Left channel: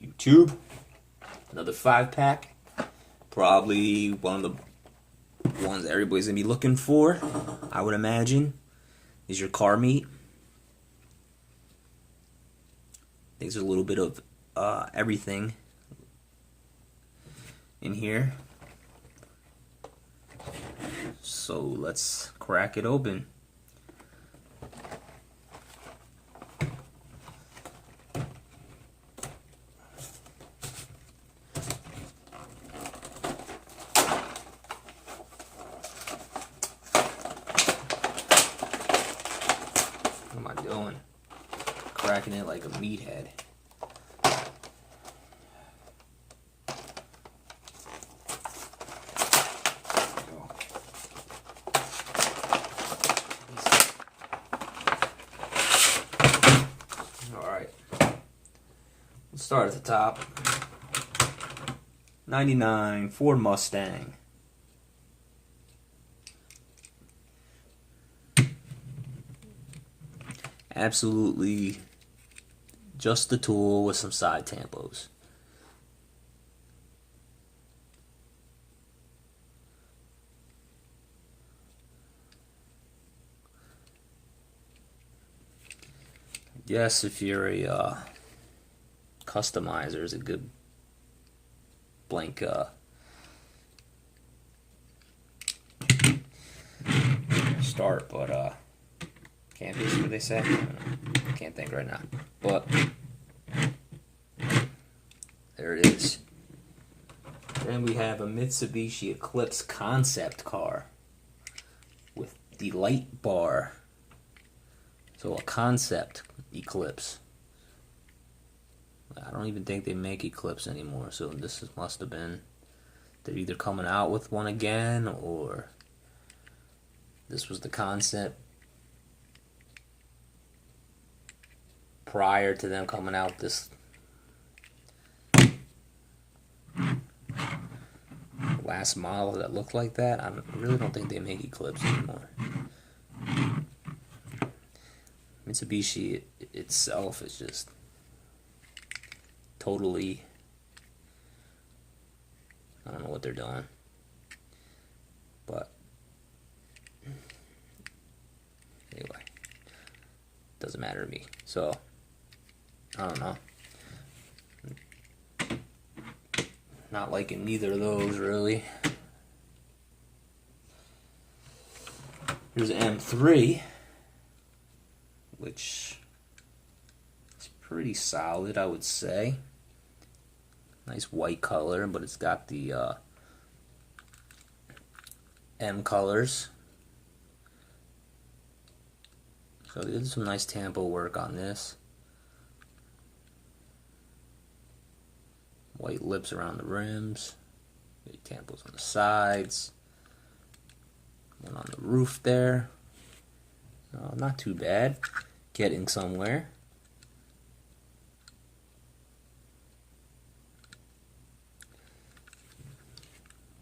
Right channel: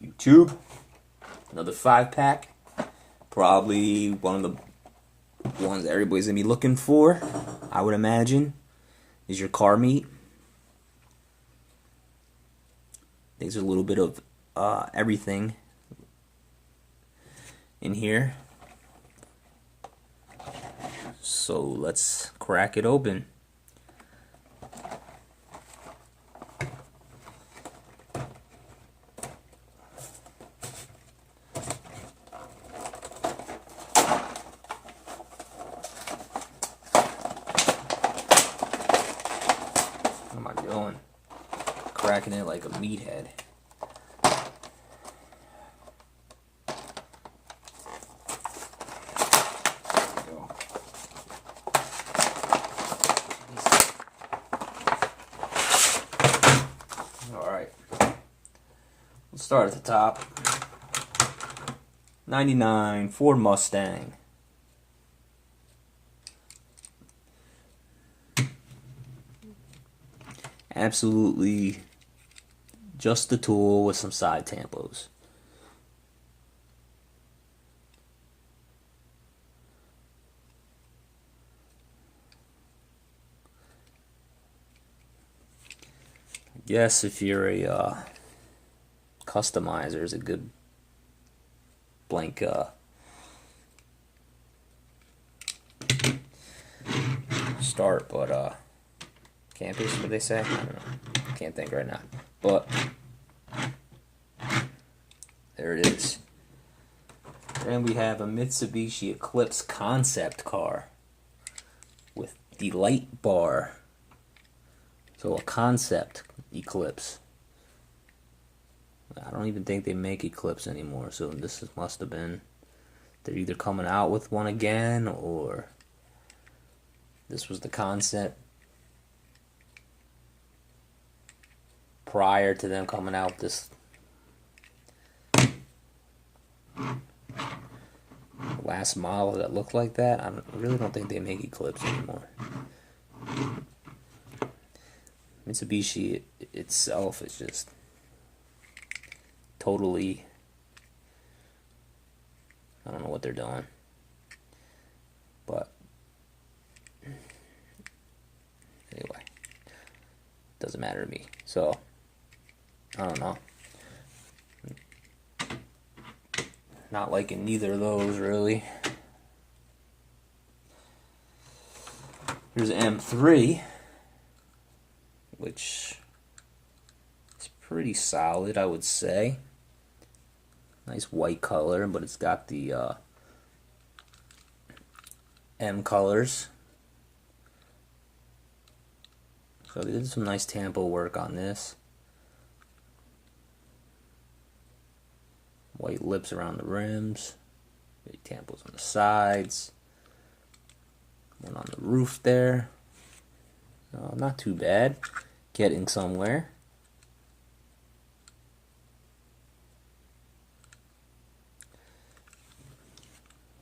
YouTube. Another 5-pack. Probably one of the ones that everybody's gonna be looking for, I would imagine, is your car meat. There's a little bit of everything in here. So let's crack it open. What am I doing? Cracking it like a meathead. Alright. Let's start at the top. 99 Ford Mustang. Absolutely just the tool with some side tampos. I guess if you're a customizer, is a good blank start, but campus, what they say? I don't know. Can't think right now. But there it is. Then we have a Mitsubishi Eclipse concept car with the light bar. So a concept Eclipse. I don't even think they make Eclipse anymore, so this must have been, they're either coming out with one again, or this was the concept prior to them coming out with this last model that looked like that. I really don't think they make Eclipse anymore. Mitsubishi itself is just totally, I don't know what they're doing, but anyway, doesn't matter to me. So I don't know, not liking neither of those really. Here's an M3, which is pretty solid, I would say. Nice white color, but it's got the M colors. So they did some nice tampo work on this. White lips around the rims. Big tampos on the sides. One on the roof there. Not too bad. Getting somewhere.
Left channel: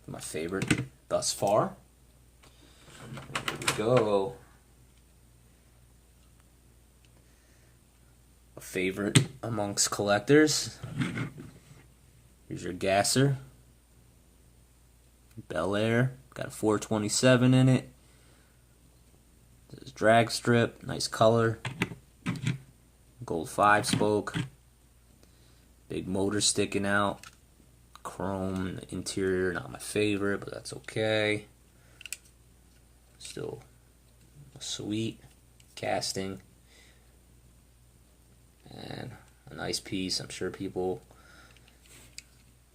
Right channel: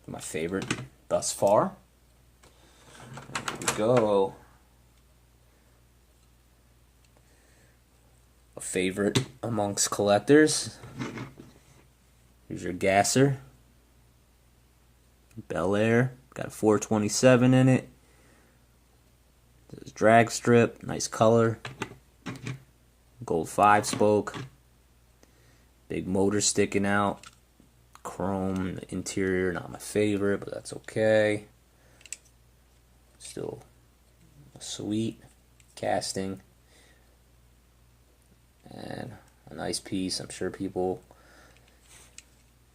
My favorite thus far. There we go. A favorite amongst collectors. Here's your gasser. Belair. Got a 427 in it. There's drag strip. Nice color. Gold 5-spoke. Big motor sticking out. Chrome in the interior, not my favorite, but that's okay. Still a sweet casting. And a nice piece. I'm sure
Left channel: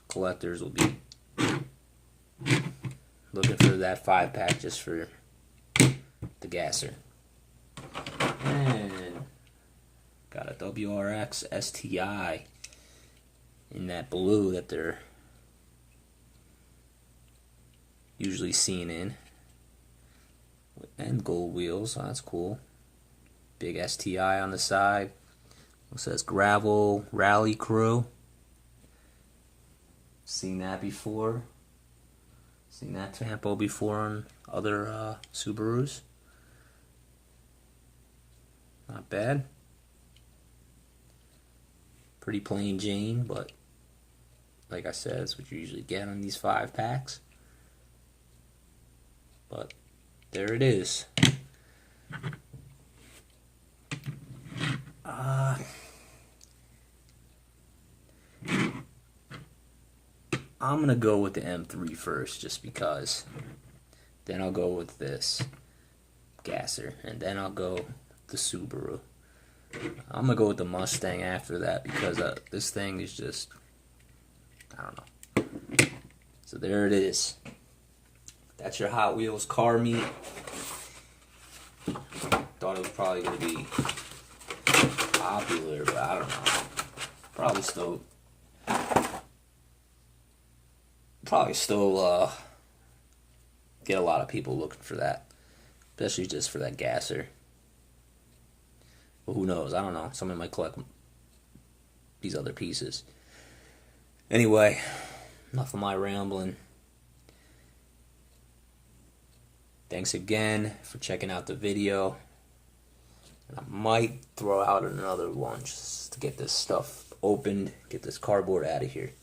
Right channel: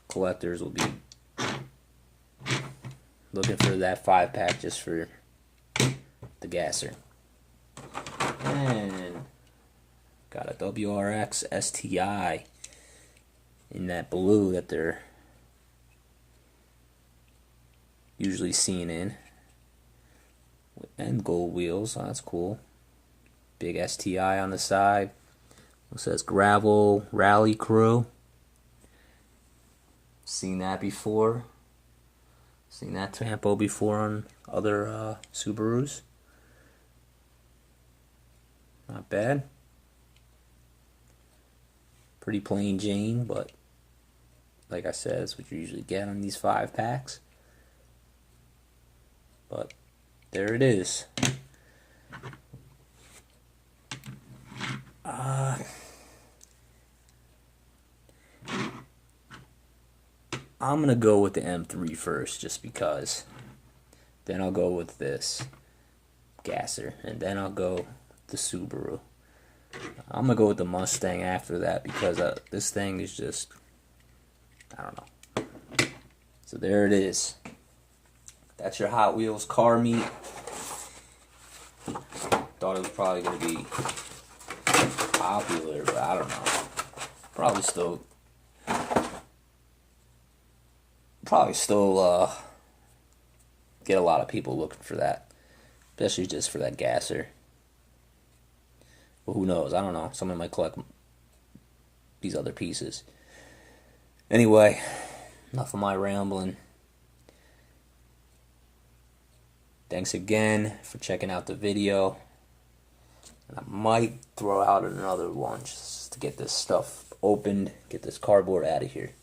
collectors will be looking for that 5-pack just for the gasser. And got a WRX STI in that blue that they're usually seen in, and gold wheels, so that's cool. Big STI on the side. It says Gravel Rally Crew. Seen that before. Seen that tampo before on other Subarus. Not bad. Pretty plain Jane, but like I said, that's what you usually get on these 5-packs. But there it is. I'm going to go with the M3 first, just because. Then I'll go with this gasser, and then I'll go the Subaru. I'm going to go with the Mustang after that, because this thing is just, I don't know. So there it is. That's your Hot Wheels car meet. Thought it was probably going to be popular, but I don't know. Probably still get a lot of people looking for that, especially just for that gasser. But who knows? I don't know. Someone might collect these other pieces. Anyway, enough of my rambling. Thanks again for checking out the video. I might throw out another one just to get this stuff opened, get this cardboard out of here.